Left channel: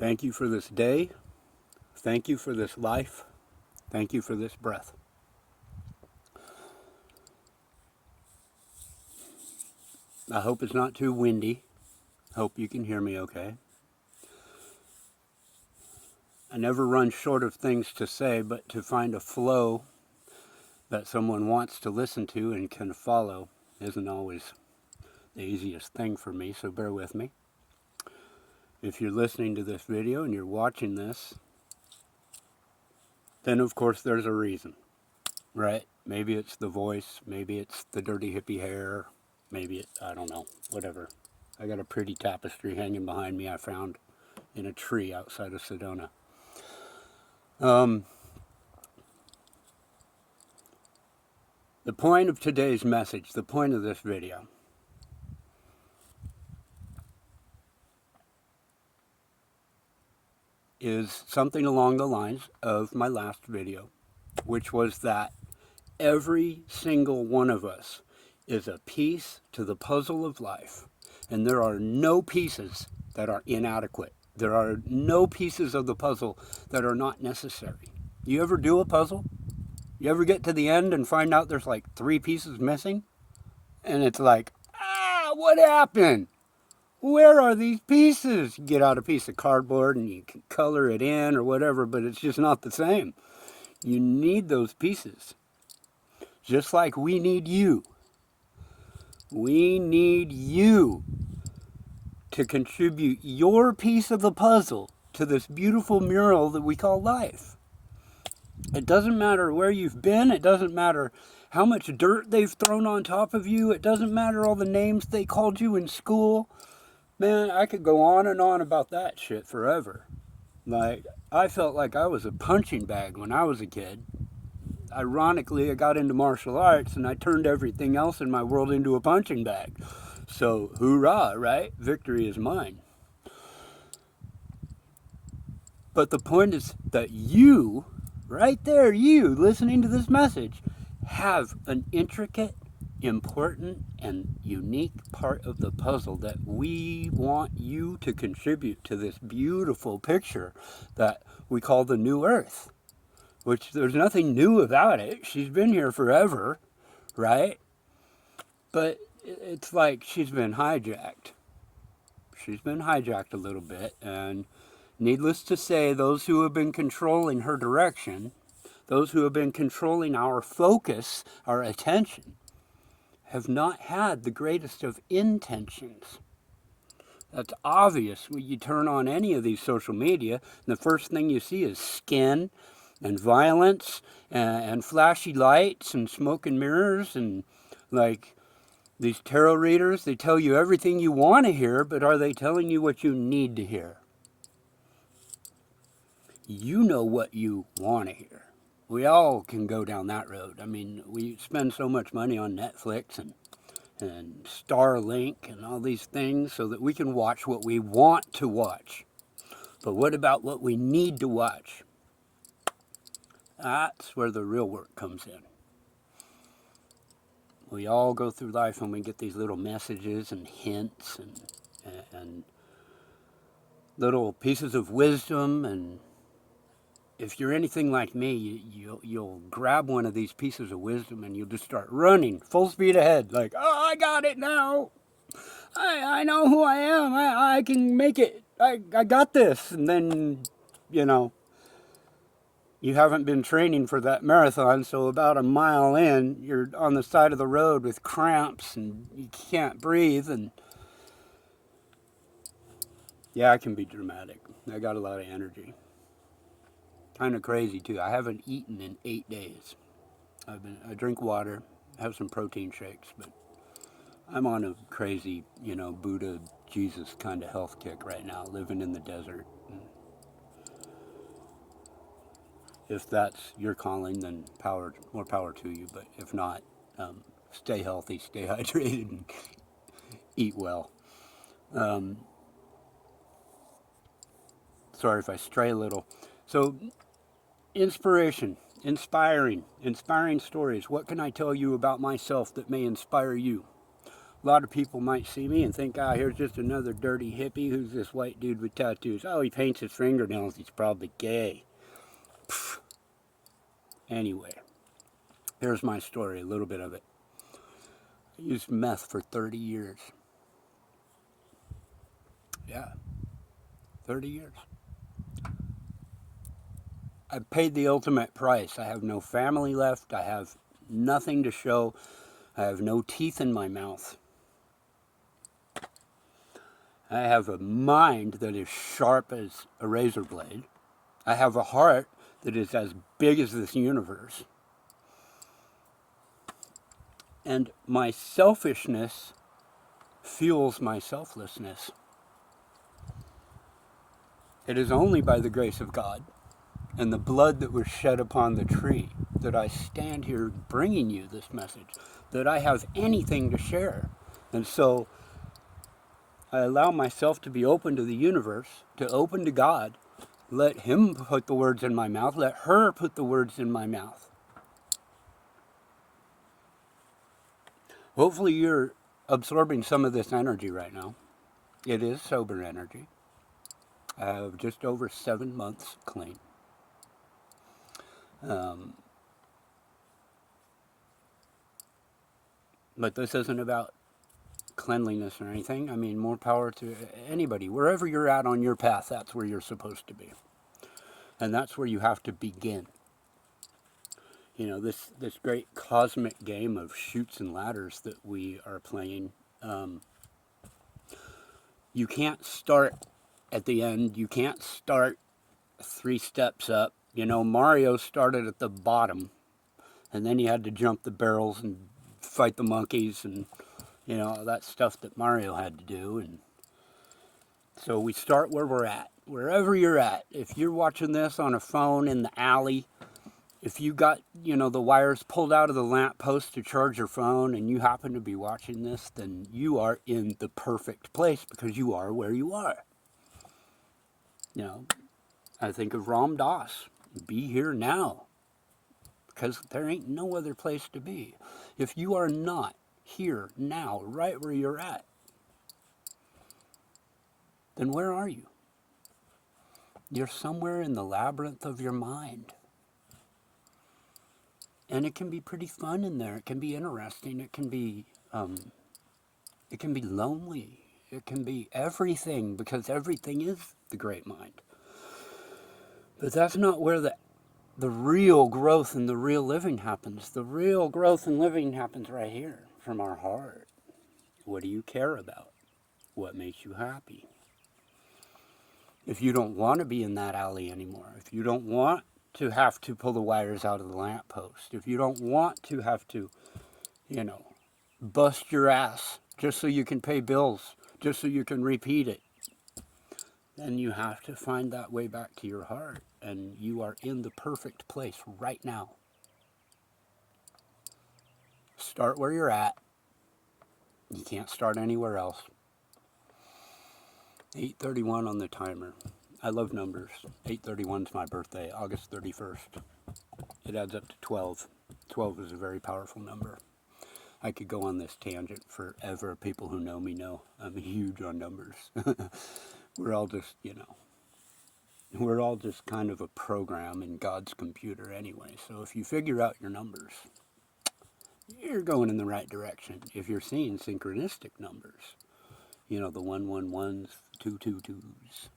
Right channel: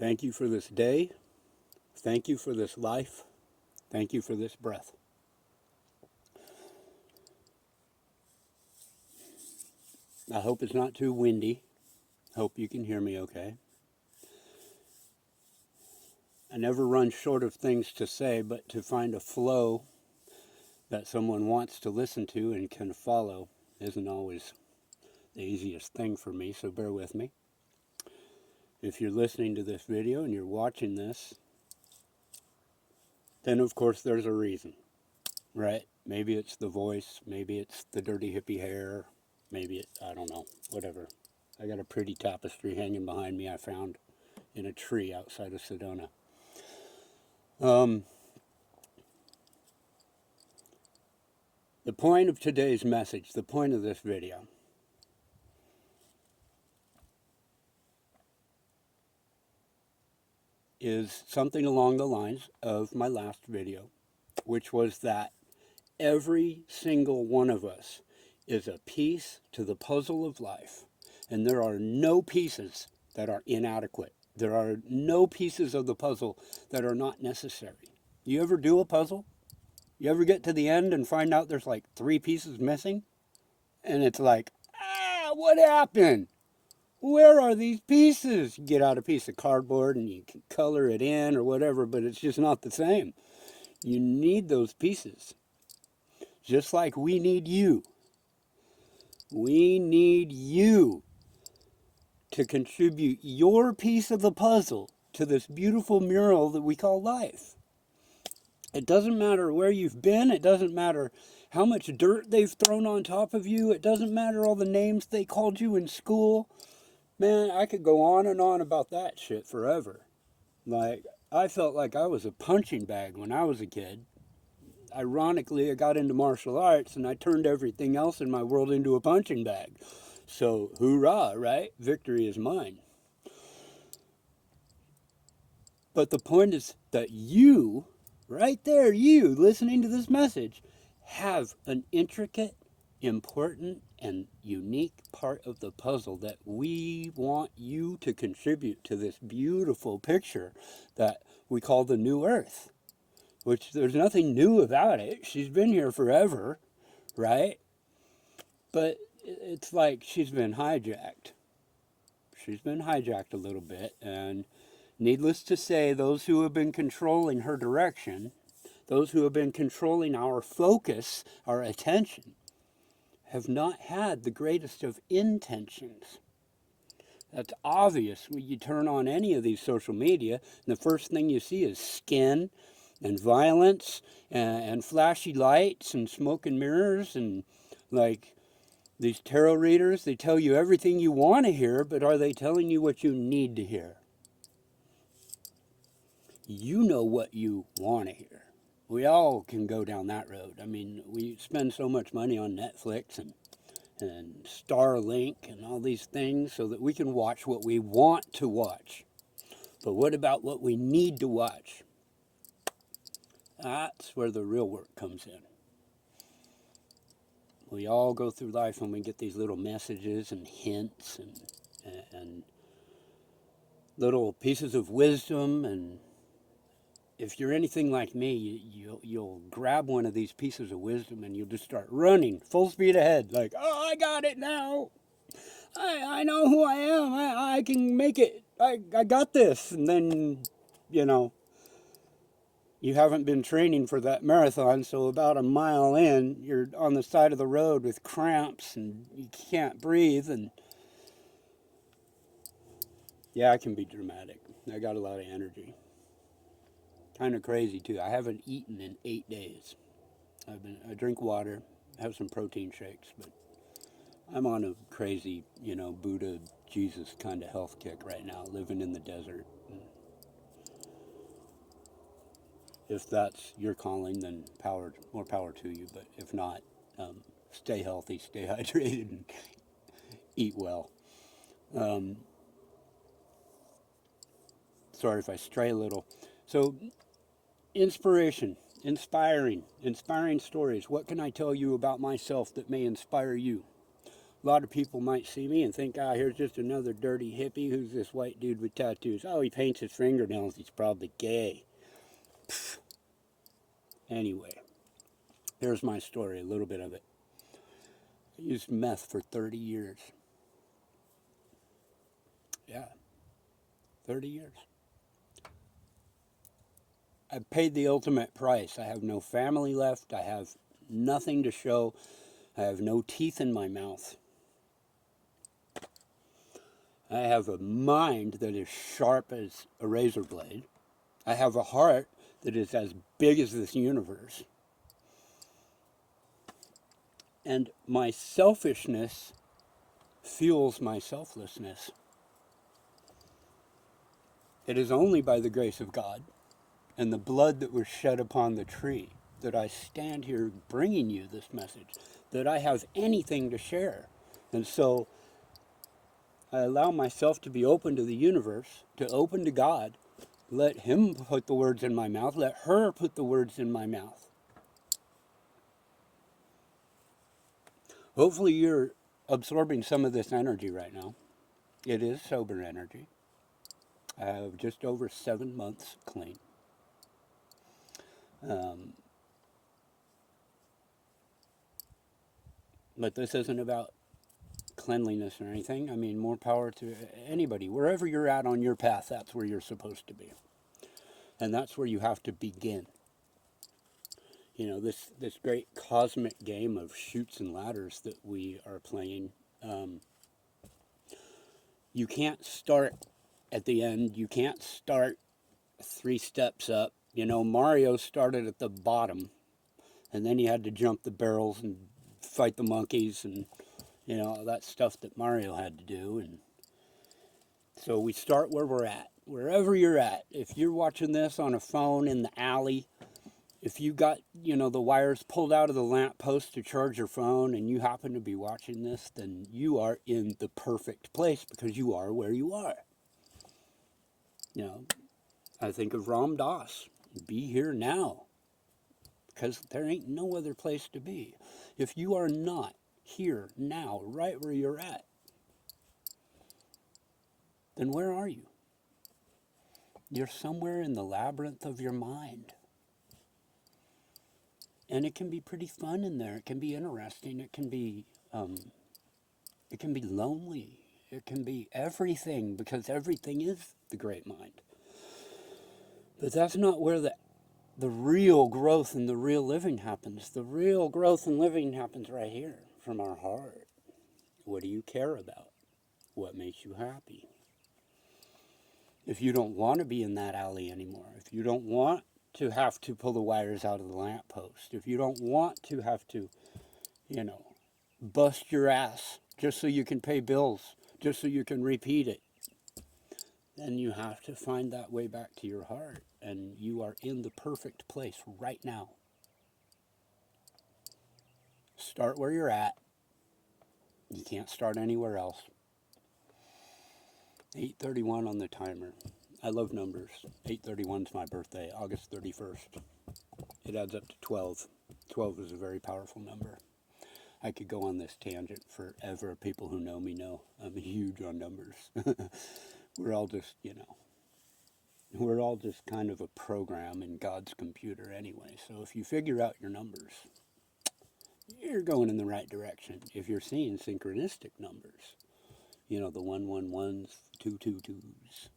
Thank you for this day. Thank you for this life. Thank you for this breath. I hope it's not too windy. Hope you can hear me okay. I never run short of things to say, but to find a flow that someone wants to listen to and can follow isn't always the easiest thing for me, so bear with me. If you're listening to this video and you're watching this, then of course there's a reason, right? Maybe it's the voice, maybe it's the dirty hippie hair, maybe I don't know, whatever. I got a pretty tapestry hanging behind me I found in a tree outside of Sedona. The point of today's message, the point of this video, is something along the lines of my last video, which was that every single one of us is a piece to the puzzle of life, and there are no pieces that are inadequate. There are no pieces of the puzzle that are not necessary. You ever do a puzzle? You ever get to the end and find out there's like 3 pieces missing? And it's like, what happened? Where are these pieces? You get out a piece of cardboard and you can color it in or whatever, but it's just not the same. You need those pieces. Just like we need you. We need you to contribute your piece of the puzzle to this beautiful mural that we call life. It doesn't matter where you've been. It doesn't matter how much dirt they've thrown on top of you. It doesn't matter all the names they called you in school. Man, I could go on and on about that shit forever. Like, I felt like I was a punching bag when I was a kid. Ironically, I got into martial arts and I turned everything else in my world into a punching bag. So, hoorah, right? Victory is mine. But the point is that you, right there, you listening to this message, have an intricate, important, and unique part of the puzzle that we want you to contribute to this beautiful picture that we call the New Earth, which there's nothing new about it. She's been here forever, right? But it's like she's been hijacked. She's been hijacked a little bit, and needless to say, those who have been controlling her direction, those who have been controlling our focus, our attention, have not had the greatest of intentions. That's obvious when you turn on any of these social media, and the first thing you see is skin and violence and flashy lights and smoke and mirrors, and like these tarot readers, they tell you everything you want to hear, but are they telling you what you need to hear? You know what you want to hear. We all can go down that road. I mean, we spend so much money on Netflix and Starlink and all these things so that we can watch what we want to watch. But what about what we need to watch? That's where the real work comes in. We all go through life and we get these little messages and hints and little pieces of wisdom, and if you're anything like me, you'll grab one of these pieces of wisdom and you'll just start running full speed ahead, like, oh, I got it now. I know who I am. I can make it. I got this. And then, you haven't been training for that marathon, so about a mile in, you're on the side of the road with cramps and you can't breathe. And yeah, I can be dramatic. I got a lot of energy. Kind of crazy too. I haven't eaten in 8 days. I drink water, have some protein shakes, but I'm on a crazy, Buddha, Jesus kind of health kick right now, living in the desert. If that's your calling, then more power to you. But if not, stay healthy, stay hydrated, and eat well. Sorry if I stray a little. So, inspiration, inspiring stories. What can I tell you about myself that may inspire you? A lot of people might see me and think, ah, here's just another dirty hippie. Who's this white dude with tattoos? Oh, he paints his fingernails. He's probably gay. Pfft. Anyway, here's my story, a little bit of it. I used meth for 30 years. Yeah, 30 years. I paid the ultimate price. I have no family left. I have nothing to show. I have no teeth in my mouth. I have a mind that is sharp as a razor blade. I have a heart that is as big as this universe. And my selfishness fuels my selflessness. It is only by the grace of God and the blood that was shed upon the tree that I stand here bringing you this message, that I have anything to share. And so I allow myself to be open to the universe, to open to God. Let him put the words in my mouth. Let her put the words in my mouth. Hopefully you're absorbing some of this energy right now. It is sober energy. I have just over 7 months clean. But this isn't about cleanliness or anything. I mean, more power to anybody. Wherever you're at on your path, that's where you're supposed to be. And that's where you have to begin. You know, this great cosmic game of chutes and ladders that we are playing, you can't start at the end. You can't start 3 steps up. You know, Mario started at the bottom, and then he had to jump the barrels and fight the monkeys and, you know, all that stuff that Mario had to do. And so we start where we're at, wherever you're at. If you're watching this on a phone in the alley, if you got, you know, the wires pulled out of the lamp post to charge your phone and you happen to be watching this, then you are in the perfect place because you are where you are. You know, I think of Ram Dass, be here now, because there ain't no other place to be. If you are not here now, right where you're at, then where are you? You're somewhere in the labyrinth of your mind. And it can be pretty fun in there. It can be interesting. It can be lonely. It can be everything, because everything is the great mind. But that's not where the real growth and the real living happens. The real growth and living happens right here, from our heart. What do you care about? What makes you happy? If you don't want to be in that alley anymore, if you don't want to have to pull the wires out of the lamppost, if you don't want to have to, you know, bust your ass just so you can pay bills, just so you can repeat it, then you have to find that way back to your heart. And you are in the perfect place right now. Start where you're at. You can't start anywhere else. 8:31 on the timer. I love numbers. 8:31 is my birthday, August 31st. It adds up to 12. 12 is a very powerful number. I could go on this tangent forever. People who know me know I'm huge on numbers. We're all just, you know, we're all just kind of a program in God's computer anyway. So if you figure out your numbers, you're going in the right direction. If you're seeing synchronistic numbers, you know, the 111s, 222s,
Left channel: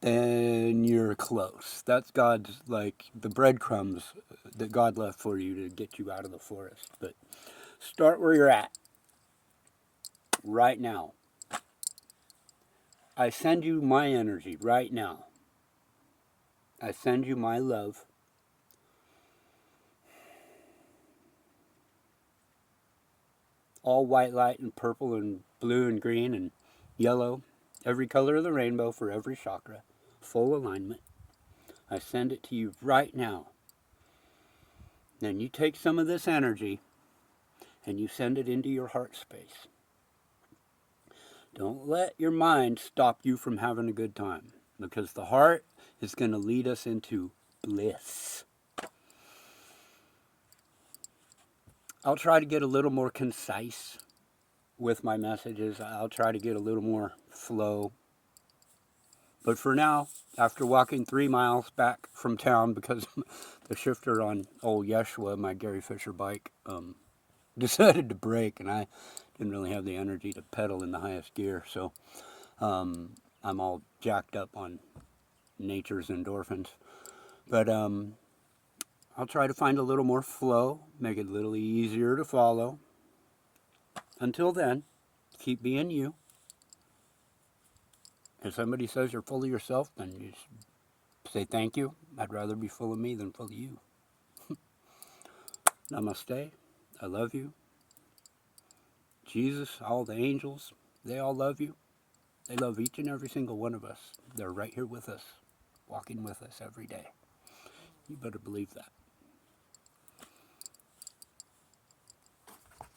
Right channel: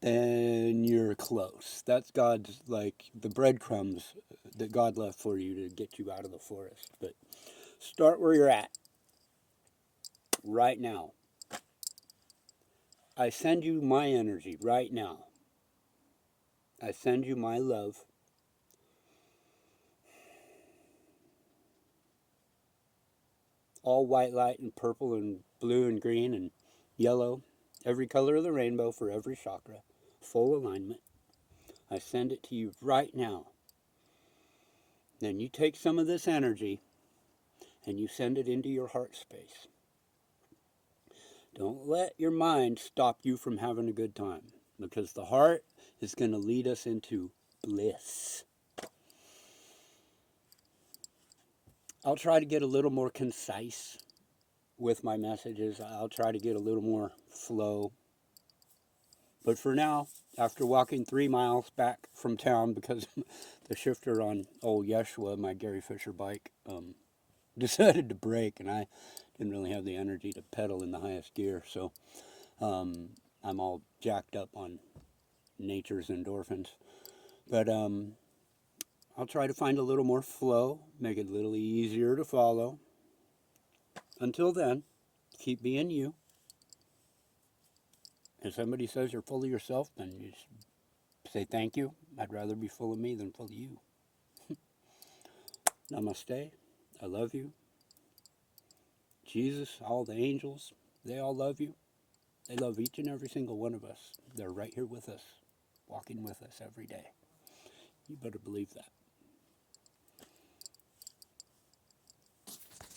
then you're close. That's God's, like, the breadcrumbs that God left for you to get you out of the forest. But start where you're at right now. I send you my energy right now. I send you my love. All white light and purple and blue and green and yellow. Every color of the rainbow for every chakra. Full alignment. I send it to you right now. Then you take some of this energy and you send it into your heart space. Don't let your mind stop you from having a good time, because the heart is going to lead us into bliss. I'll try to get a little more concise with my messages. I'll try to get a little more flow. But for now, after walking 3 miles back from town because the shifter on old Yeshua, my Gary Fisher bike, decided to break, and I didn't really have the energy to pedal in the highest gear, so I'm all jacked up on nature's endorphins. But I'll try to find a little more flow, make it a little easier to follow. Until then, keep being you. If somebody says you're full of yourself, then you say thank you. I'd rather be full of me than full of you. Namaste. I love you. Jesus, all the angels, they all love you. They love each and every single one of us. They're right here with us, walking with us every day. You better believe that.